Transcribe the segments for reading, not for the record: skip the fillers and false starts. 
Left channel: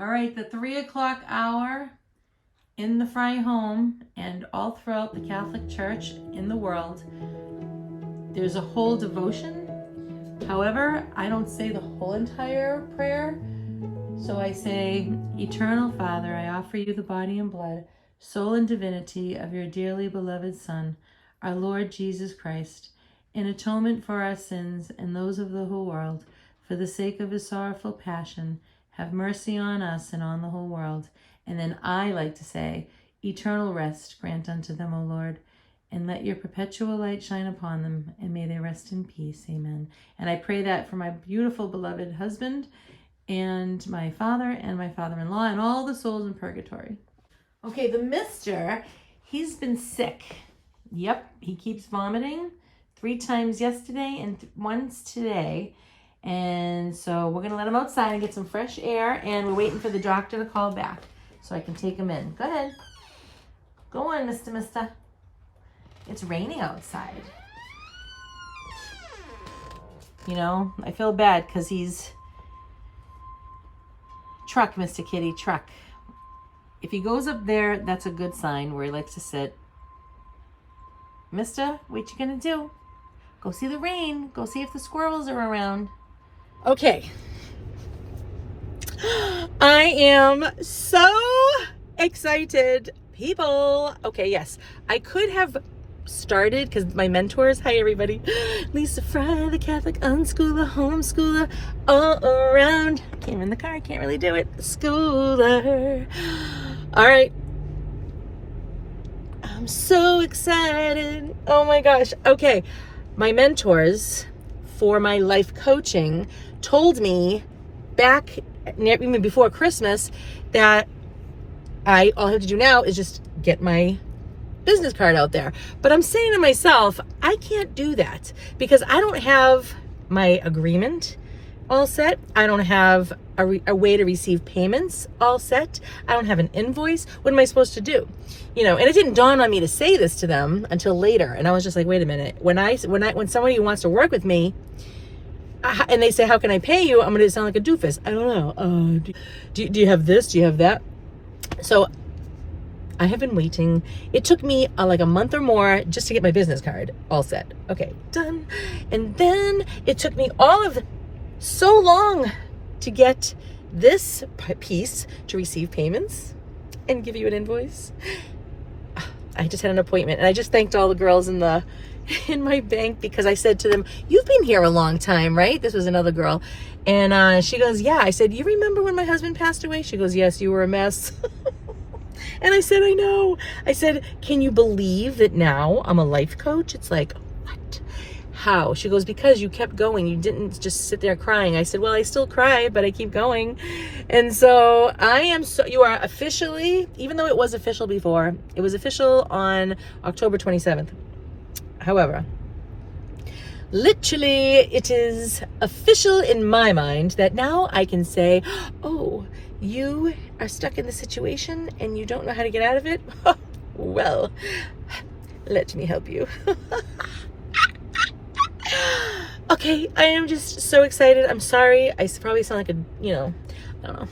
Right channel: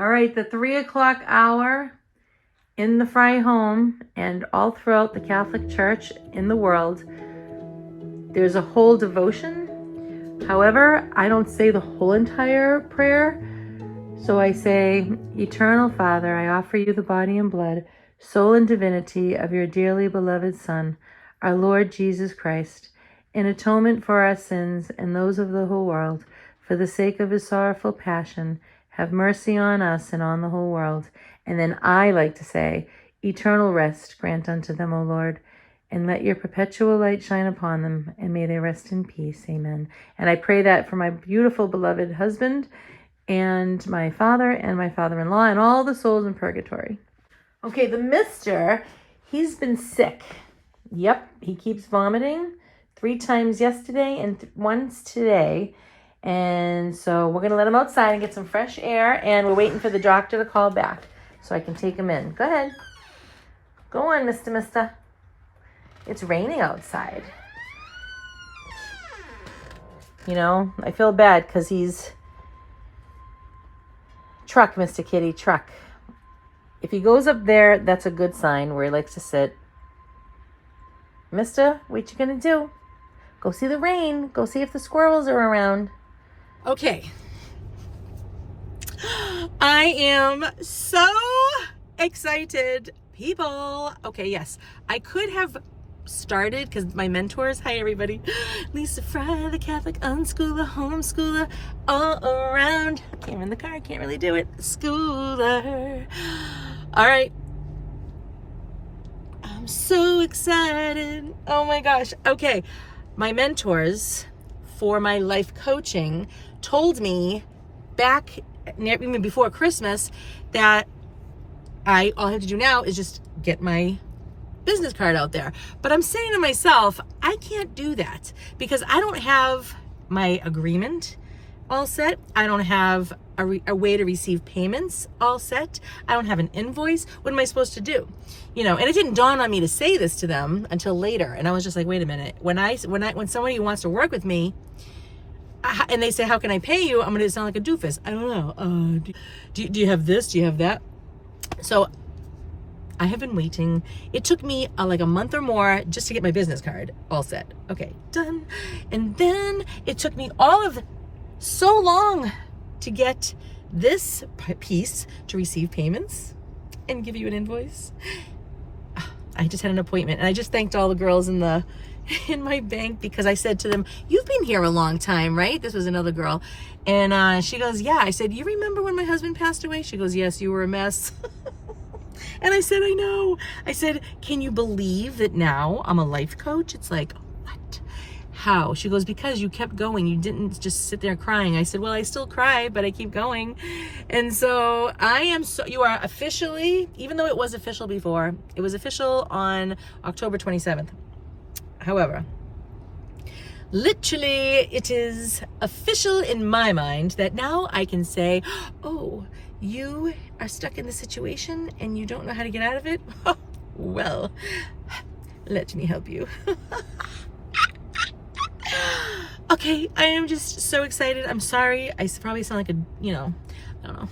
All right, the 3 o'clock hour in the Fry home and all throughout the Catholic Church in the world, there's a whole devotion. However, I don't say the whole entire prayer. So I say, Eternal Father, I offer you the body and blood, soul and divinity of your dearly beloved Son, our Lord Jesus Christ, in atonement for our sins and those of the whole world, for the sake of his sorrowful passion, have mercy on us and on the whole world. And then I like to say, eternal rest grant unto them, O Lord, and let your perpetual light shine upon them, and may they rest in peace. Amen. And I pray that for my beautiful beloved husband and my father and my father-in-law and all the souls in purgatory. Okay, the mister, he's been sick. Yep, he keeps vomiting 3 times yesterday and once today. And so we're going to let him outside and get some fresh air, and we're waiting for the doctor to call back so I can take him in. Go ahead. Go on, mister. It's raining outside. You know, I feel bad because he's... Truck, Mr. Kitty, truck. If he goes up there, that's a good sign where he likes to sit. Mister, what you gonna do? Go see the rain. Go see if the squirrels are around. Okay. I am so excited, people. Okay, yes. I could have started because my mentors, hi everybody, Lisa Fry, the Catholic unschooler, homeschooler, all around. Came in the car, can't really do it. Schooler. All right. I'm so excited. Oh my gosh. Okay. My mentors for my life coaching told me back even before Christmas that all I have to do now is just get my business card out there. But I'm saying to myself, I can't do that because I don't have my agreement all set. I don't have a way to receive payments all set. I don't have an invoice. What am I supposed to do? You know, and it didn't dawn on me to say this to them until later. And I was just like, wait a minute. When somebody wants to work with me and they say, how can I pay you? I'm going to sound like a doofus. I don't know. Do you have this? Do you have that? So I have been waiting. It took me like a month or more just to get my business card all set. Okay, done. And then it took me so long to get this piece to receive payments and give you an invoice. I just had an appointment, and I just thanked all the girls in my bank because I said to them, you've been here a long time, right? This was another girl. And she goes, yeah. I said, you remember when my husband passed away? She goes, yes, you were a mess. And I said, I know. I said, can you believe that now I'm a life coach? It's like, what? How? She goes, because you kept going. You didn't just sit there crying. I said, well, I still cry, but I keep going. And so you are officially, even though it was official before, it was official on October 27th. However, literally it is official in my mind that now I can say, oh, you are stuck in the situation and you don't know how to get out of it? Well, let me help you. Okay, I am just so excited. I'm sorry. I probably sound like I don't know.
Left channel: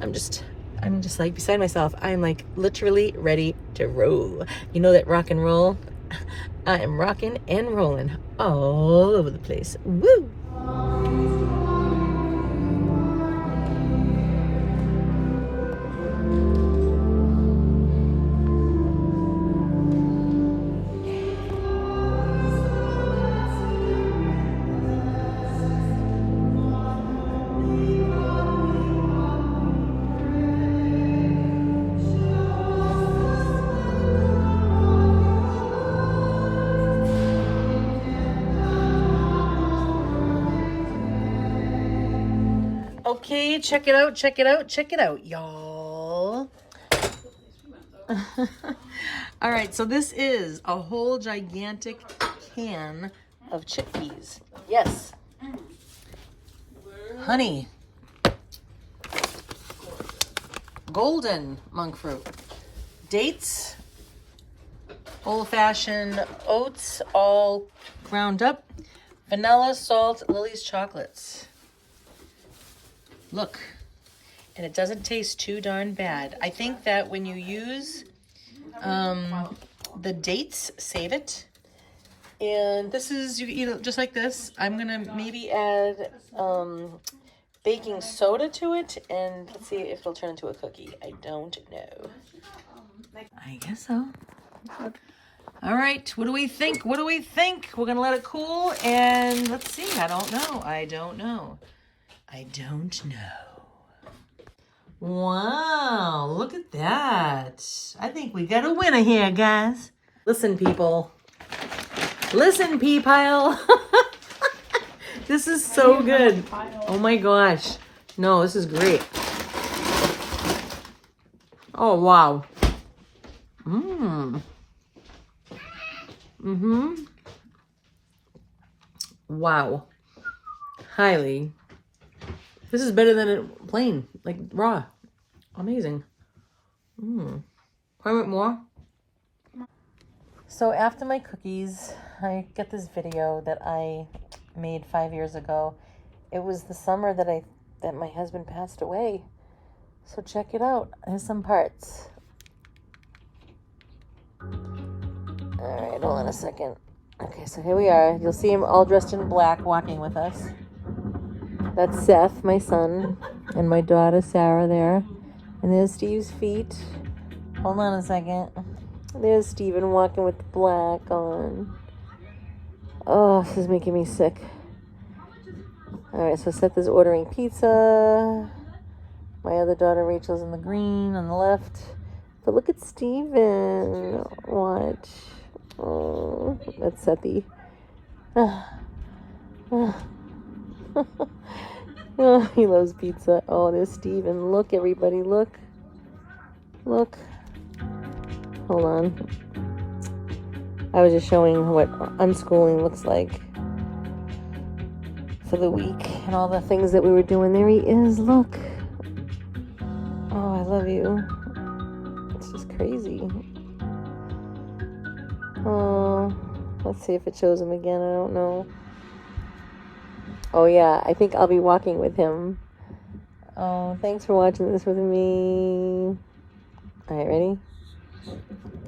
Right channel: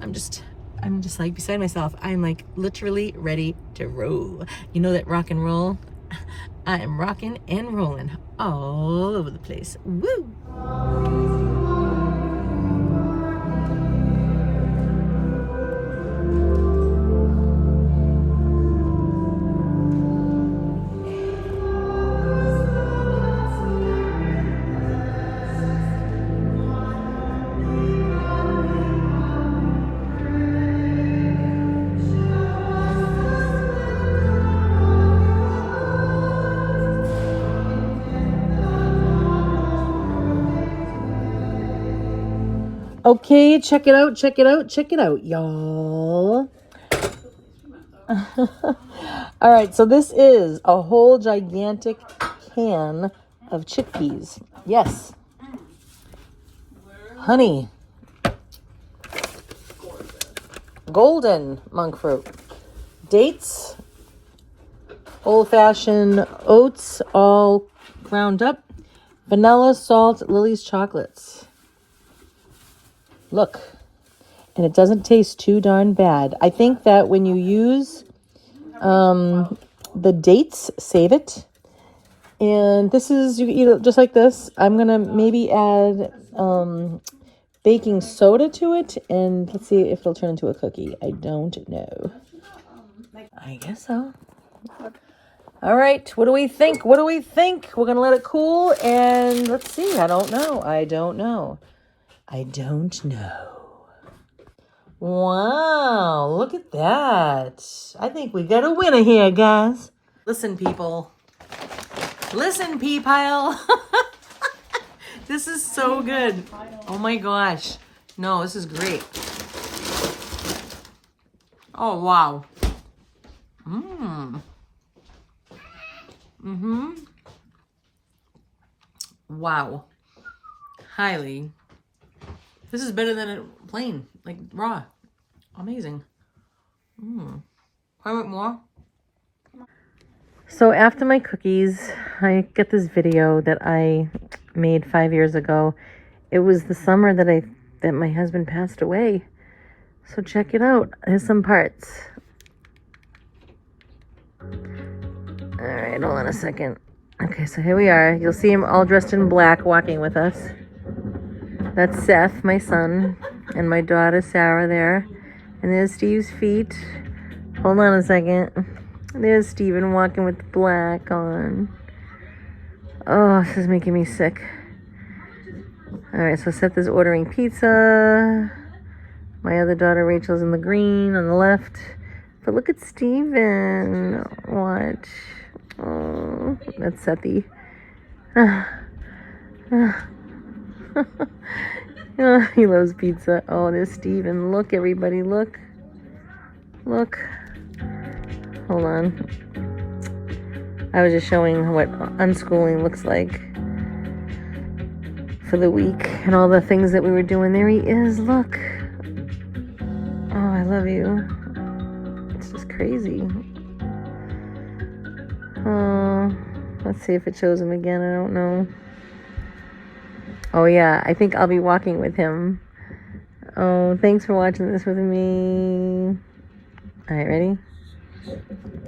I'm just like beside myself. I'm like literally ready to roll. You know that rock and roll? I am rocking and rolling all over the place. Woo! Okay, check it out, y'all. All right, so this is a whole gigantic can of chickpeas. Yes. Honey. Golden monk fruit. Dates. Old-fashioned oats, all ground up. Vanilla, salt, Lily's chocolates. Look. and it doesn't taste too darn bad. I think that when you use the dates, save it. And this is, you eat it just like this. I'm gonna maybe add baking soda to it, and let's see if it'll turn into a cookie. I don't know. I guess so. All right, what do we think? What do we think? We're gonna let it cool, and let's see. I don't know. I don't know. I don't know. Wow, look at that. I think we got a winner here, guys. Listen, people. Listen, pea pile. This is so good. Oh my gosh. No, this is great. Oh, wow. Wow. Highly. This is better than it plain, like raw. Amazing. Can I want more? So after my cookies, I get this video that I made 5 years ago. It was the summer that my husband passed away. So check it out. Here's some parts. All right, hold on a second. Okay, so here we are. You'll see him all dressed in black walking with us. That's Seth, my son, and my daughter Sarah there. And there's Steve's feet. Hold on a second. There's Steven walking with black on. Oh, this is making me sick. All right, so Seth is ordering pizza. My other daughter Rachel's in the green on the left. But look at Steven. Watch. Oh, that's Sethy. Oh, he loves pizza. Oh, there's Steven. Look, everybody, look. Look. Hold on. I was just showing what unschooling looks like for the week and all the things that we were doing. There he is. Look. Oh, I love you. It's just crazy. Oh, let's see if it shows him again. I don't know. Oh, yeah. I think I'll be walking with him. Oh, thanks for watching this with me. All right, ready?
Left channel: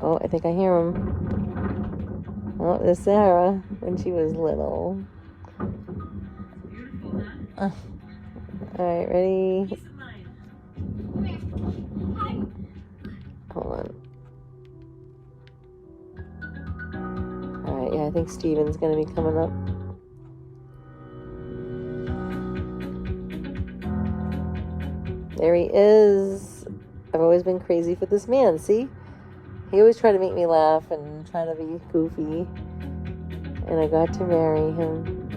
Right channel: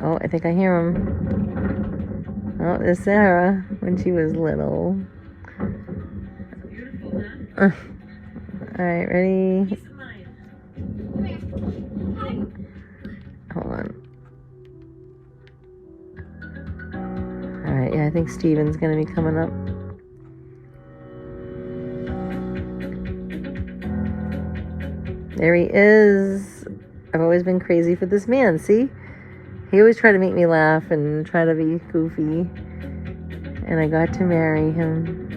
Oh, I think I hear him. Oh, there's Sarah when she was little. All right, ready? Hold on. All right, yeah, I think Steven's gonna be coming up. There he is. I've always been crazy for this man, see? He always tried to make me laugh and try to be goofy. And I got to marry him.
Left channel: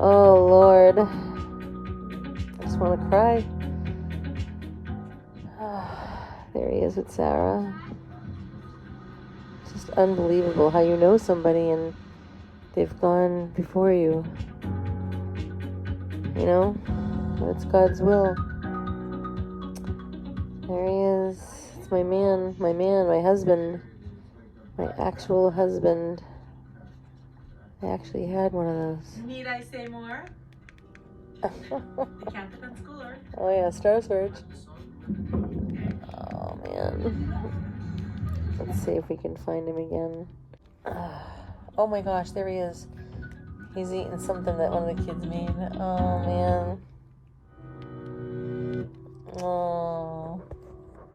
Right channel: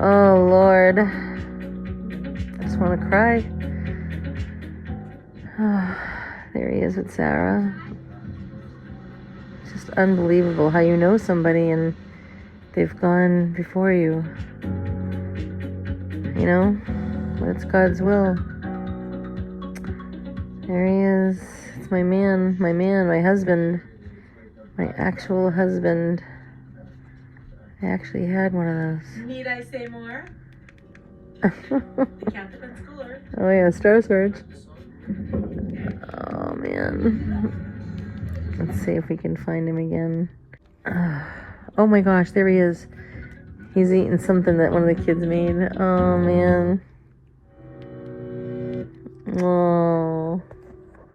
Oh, Lord. I just want to cry. There he is with Sarah. It's just unbelievable how you know somebody and they've gone before you. You know? That's God's will. There he is. It's my man, my husband, my actual husband. I actually had one of those. Need I say more? The Captain Schooler. Oh yeah, Star Search. Oh man. Let's see if we can find him again. Oh my gosh, there he is. He's eating something that one of the kids made. Oh man. Oh.